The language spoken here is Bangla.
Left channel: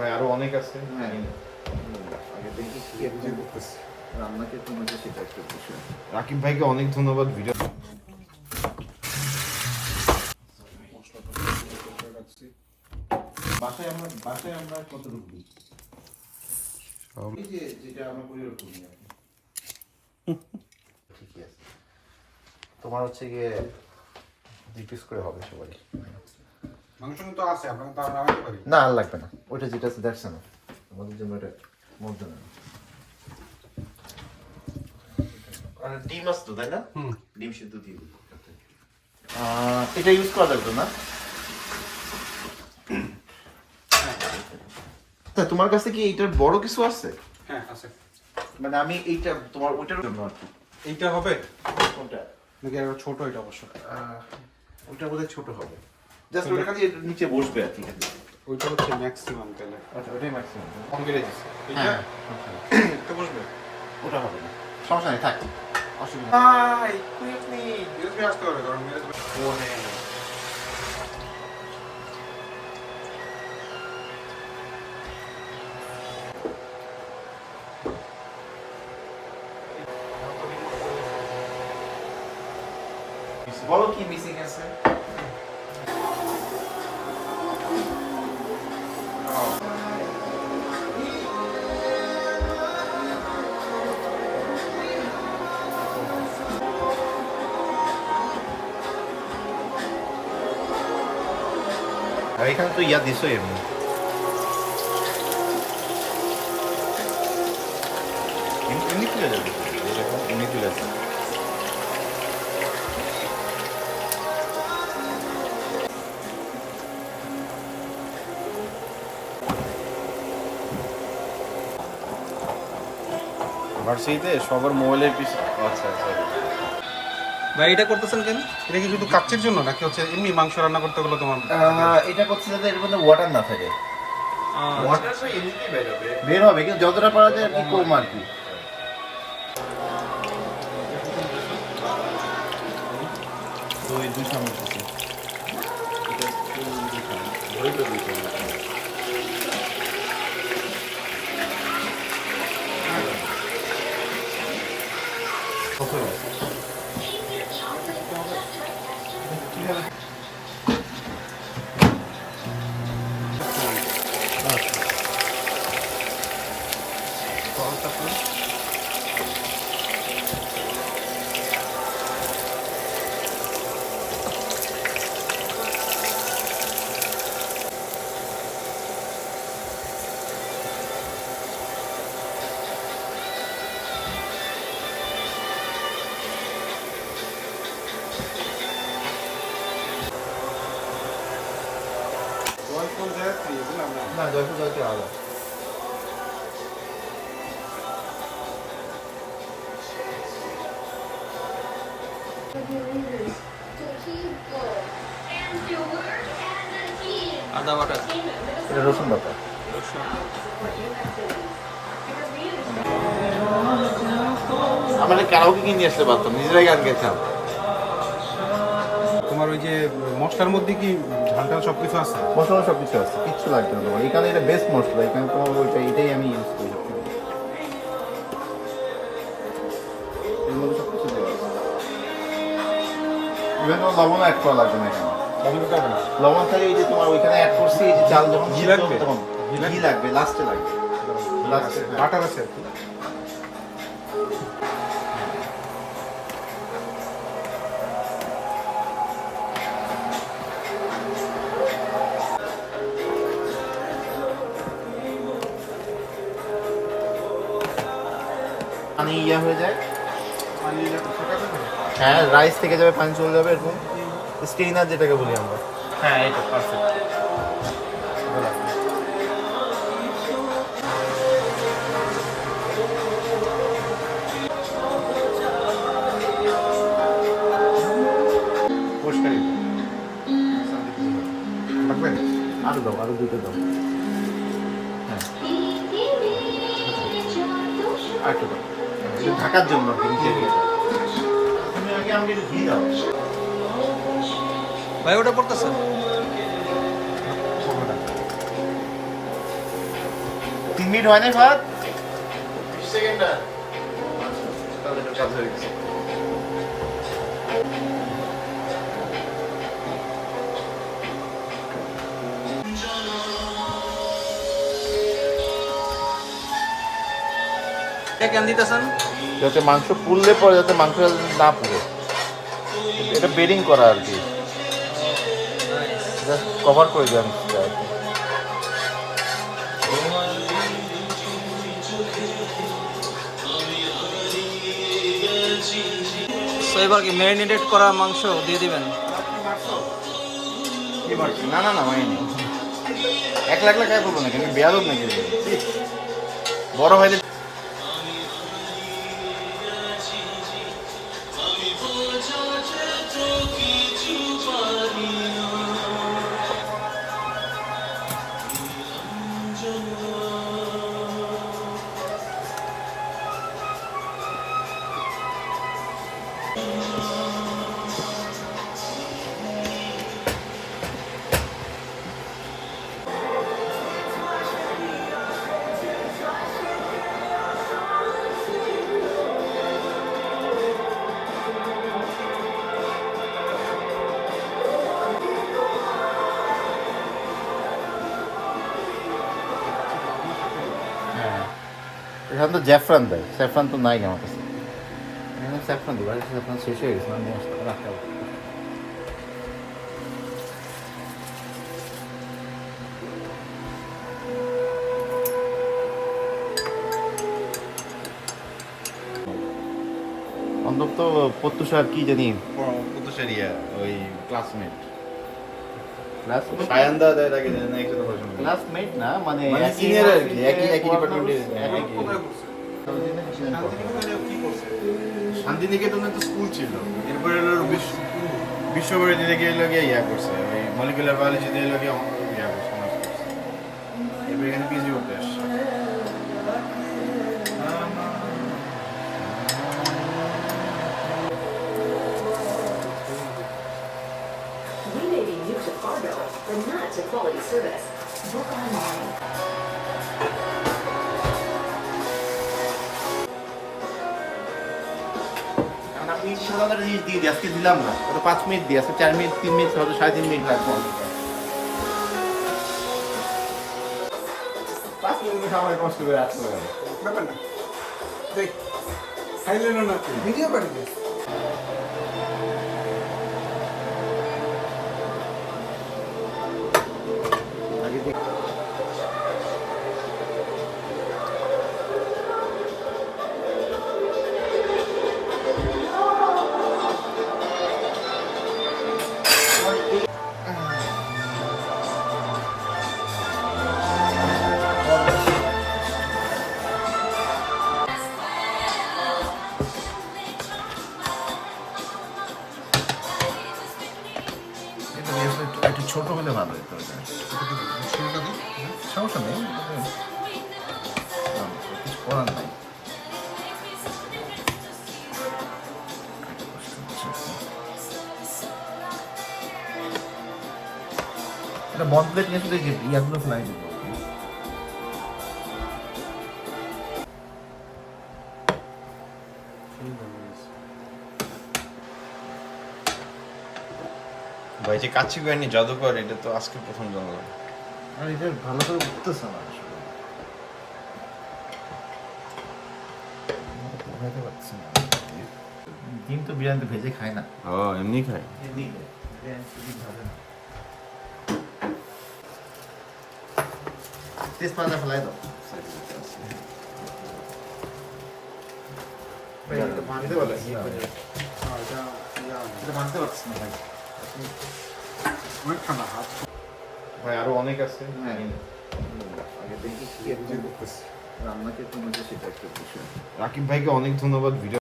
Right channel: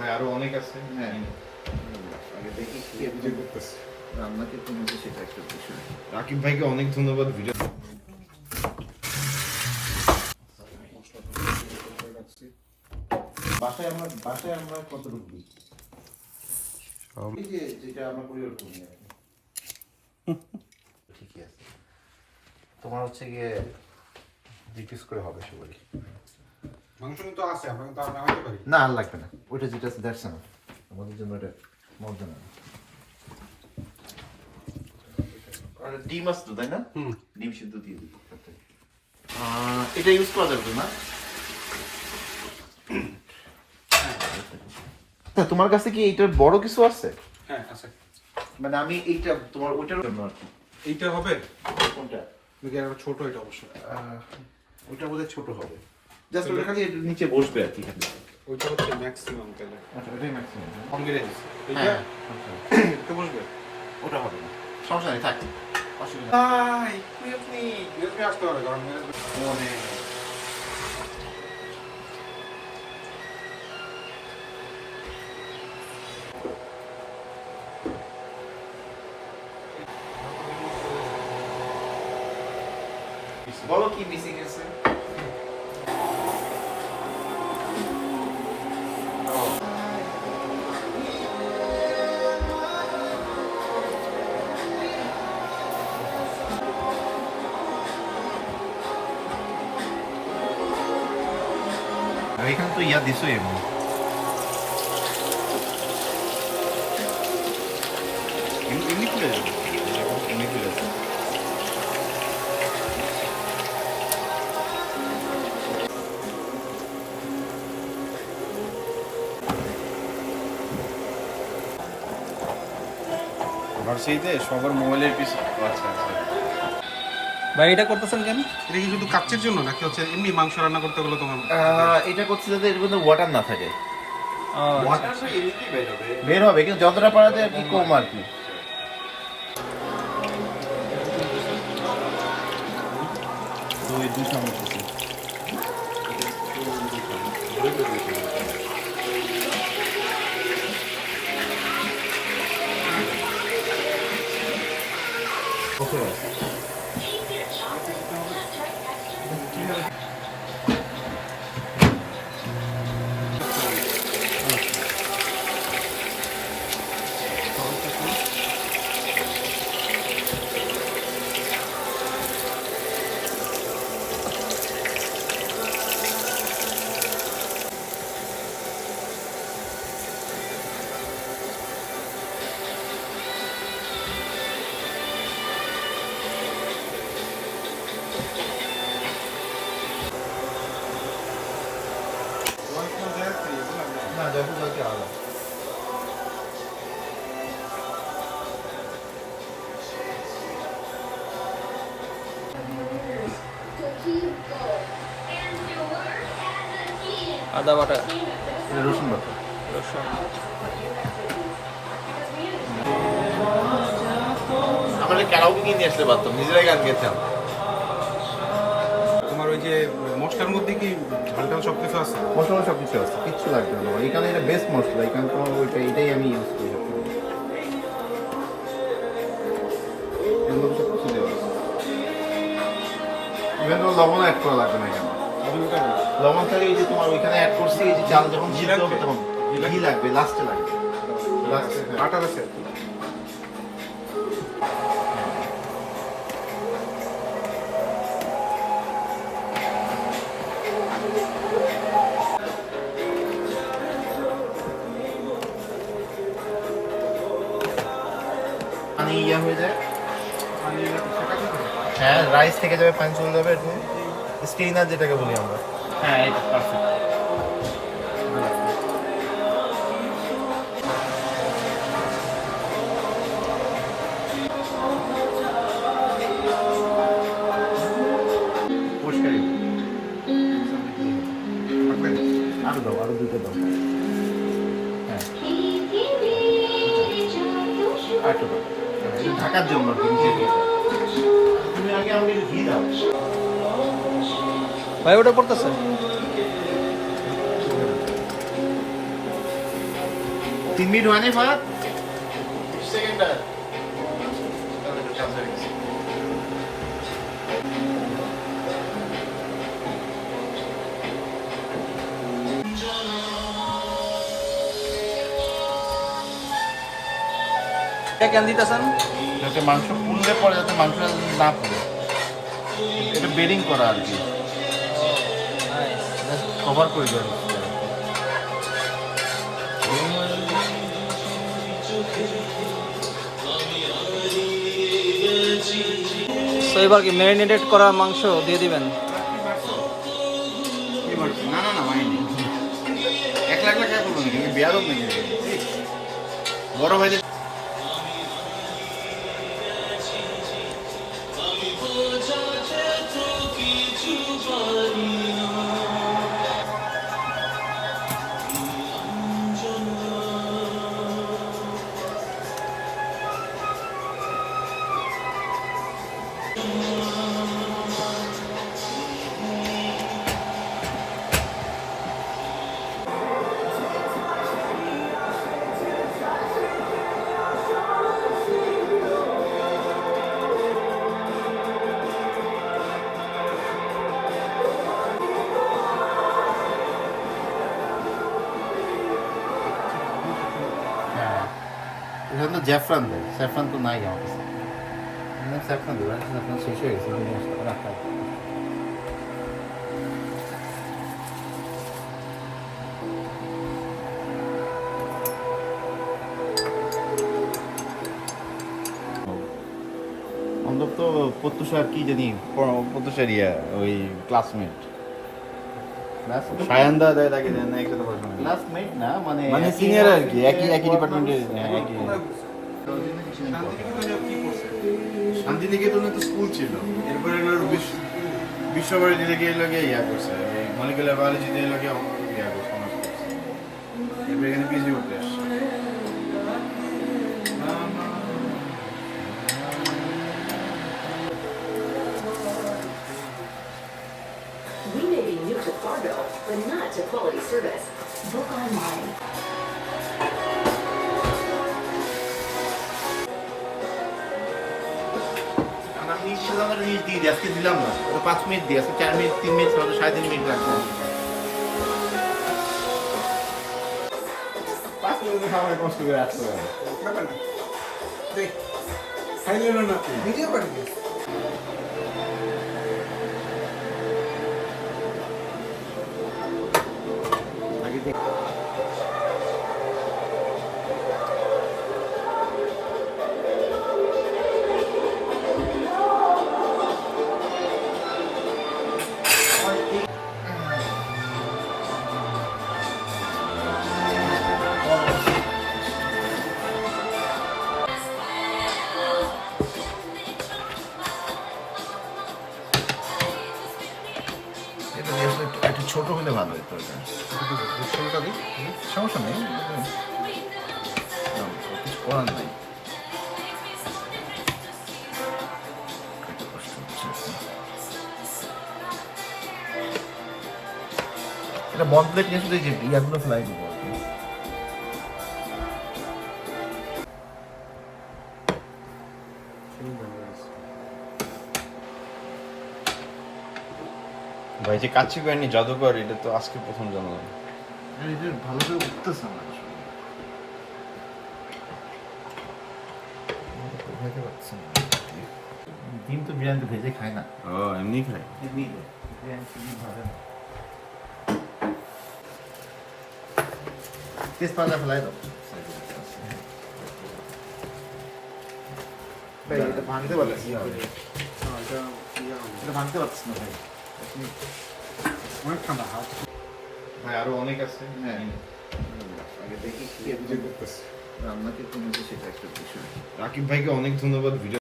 ভাই আরো অনেক আছে। হ্যাঁ আগে দেখি কি এডিটিং করতেছে রান্নাকে কমেছে সেটা একটা বিষয়। রাকিব ভাইকে অনেক ধন্যবাদ ভিডিও। বাসায় আমরা কতটুকু দিই এই যে যেটা আমরা করি ওরকম ঠিকই আছে। তোমার হচ্ছে গিয়ে 2 পিস করে হবে সবারই। মাংস তো আছে আপনাকে তো আমরা আনতে পারি না আর লাগবে না, ওইটা যেটা আছে দেখছে না আমাদের জন্য এটা মজা না। আর ডিম আছে তো তাই না? ডিম সিদ্ধ দিয়ে দিই। এটা ইউজ করা যাবে তো না? তোমার কাছে কি এইটার বড় কিছু আছে? হ্যাঁ আছে। মানে আমি এইটা তোমার ওইটার জন্য আর কি। এইটা হবে কোনটা? নাকি আর ছোট এটা অবশ্য ওইটা বোধহয় ছোট হবে, জাস্ট ওটা খালি একটু নিচে বসবে আর কি। ওইটা হচ্ছে ম্যাক্সিমাম তাহলে। আচ্ছা ওটাই ম্যাক্সিমাম কম বেড়ে গেছে এইটা হ্যাঁ একটু বসবে। ওটা হবে না, সমস্যা নেই থাক অসুবিধা নেই। ভাই কই আপনি ইউএসবি আসতে হবে কারণ মেরে ও হ্যাঁ বলো কি মিসিং আছে? আর এখানে তো ইয়া দিছো এমনি এমনি খুলে যাবে, এমনি খুলে যাবে। ভার্সিটিতে সবার মোবাইলের পিস। আচ্ছা আচ্ছা। ভাই এটা করতেছেন কেন? এটা কি শুধু কাচ্চির জন্য নাকি হচ্ছে এমনি মাংস রান্না করতে গেলে তোমার এটা করছে যাতে এর মধ্যে ওয়াটার না থাকে। ওয়াটার তো এমনিতেই বের হবে। বের হবে কিন্তু যতটা পারা যায় আর কি কম আর কি। দুই চামচ আছে। না জয়পুর জলকে আলাদা। আদা বাটা, এটা রসুন বাটা। রসুন। আমাদের কাউকে কিনে আসতে পারতাম, নিজেরাই গান গেতাম। তোমার ওই যে মশলার মধ্যে কি ঝালটা সব কিছু আছে? মশলা সব কিছু আছে, কিচ্ছু লাগবে না তোমার। এখানে এটা বেস্ট মশলা, এখানে তোমার ওইটা এটাই আমি ইউজ করি সবসময়। এর মধ্যে সব কিছু দেওয়া আছে, ইভেন তোমার লবণ অ্যাড করা লাগবে না এখানে। লবণ খালি এই যে তোমার ওইখানে অ্যাড করছি, এই যে চাল যখন ঘি সিদ্ধ হবে লাগবে? তখন ঘি লাগবে, লাস্টে লাগবে। লাস্টে বাটার আছে আর কি। পানি ইয়া হয়ে যায়। পানি শেখাতে হবে। হ্যাঁ রাইস থেকে যাবে, পানি চলে যাবে এরকম স্টেইনার যেটাকে বলি আমরা। হ্যাঁ এটা পারফেক্ট। আরো দাও, আরো দুটো দাও। হ্যাঁ আরেকটা দাও, ঢাকার জন্য তুমি আগে আমাকে একটু ঘি দাও। ভাই ওটা পড়তেছে। 3 মিনিট হয় নাই ভাত? এটা কেন দিতেছেন? যাতে মাংস পুড়লে পরে যাতে মাংস না পুড়ে, এটা বেরিং করা আর কি, জাস্ট কভার করে দেওয়া হচ্ছে আর কি। তো এবার কি ম্যারিনেটেড করা মাংস দিয়ে দিবেন? না না না হয়নি। 1 লাখ টাকা করবো নাকি, আমি বেয়াদব নাকি? বড় ভাইদের হ্যাঁ, এখানে তো জ্যাফরান দেয়, স্যাফরান তো নাই আমার কাছে। মানে স্যাফরান দেবো, স্যাফরান শেষ হয়ে গেছে, আমি রাখা। অন্তত প্রত্যুষা কি জানি প্রতিষ্ঠা ওই ক্লাসমেট ক্লাসমেট, সায়ন্দা দেয় তাকে না একসাথে পড়াশোনা করি। ক্লাসমেট না মানে মানে একই সিনিয়র আর কি, একই পড়াশোনা ডিপার্টমেন্টের করছে। শান্তিনিকেতনে তো স্কুল ছিল, এরপরে বিশ্বভারতী থেকে এলাকে ইয়া করছে, ওই মলিকুলার বায়োলজিতে এলাকে ইয়া করছে, অনার্স করছে। এরপর এখানে পিএইচডি করতে আসছে। We may be new to Fargo, but not to quality service. Book online. আমরা আপনি সাধারণ জিনিস দিয়ে দিই, আজকে দিলাম না, ওটা 5 মিনিট দিই, আজকে 4 মিনিট, 3 মিনিট, হয়তো 3.5 মিনিট লাগবে। 5 মিনিট খাবার কষ্ট করে আসতে হবে। ব্যাপার না দেখ, খাইলেন না ভিডিও পাঠিয়ে আগে দেখ। এটা দিয়ে আসলে একটু ছোট হলে ভালো হতো এটা। সমস্যা নেই, কিছু করার নাই। কষ্ট হচ্ছে। এটা বন্ধ প্লেট নিয়ে আসলে যে ইয়াগুলো ফ্লাই দিব আর কি। ভাই যে কাচ্চি বাহিনী জাদুকর, এটা তো আজকে প্রথম জানলাম। আর এটা ভালো করে উঠতেছে আমার আসলে। পোহাইতে পারছি না। ডিম তো বিরিয়ানি ভেজে খায় না। ও এমনি খাই। তেজপাতা ফেলাই দাও। এটা ভাঙতে পারছি না। এটা ভাঙতে পারছি না ভাই। অনেক ঠান্ডা হাত। ভাই আরো অনেক আছে। হ্যাঁ। আগে দেখি কি করতেছে। রান্নাকে কমেছে সেটা একটা বিষয়। রাকিব ভাইকে অনেক ধন্যবাদ ভিডিও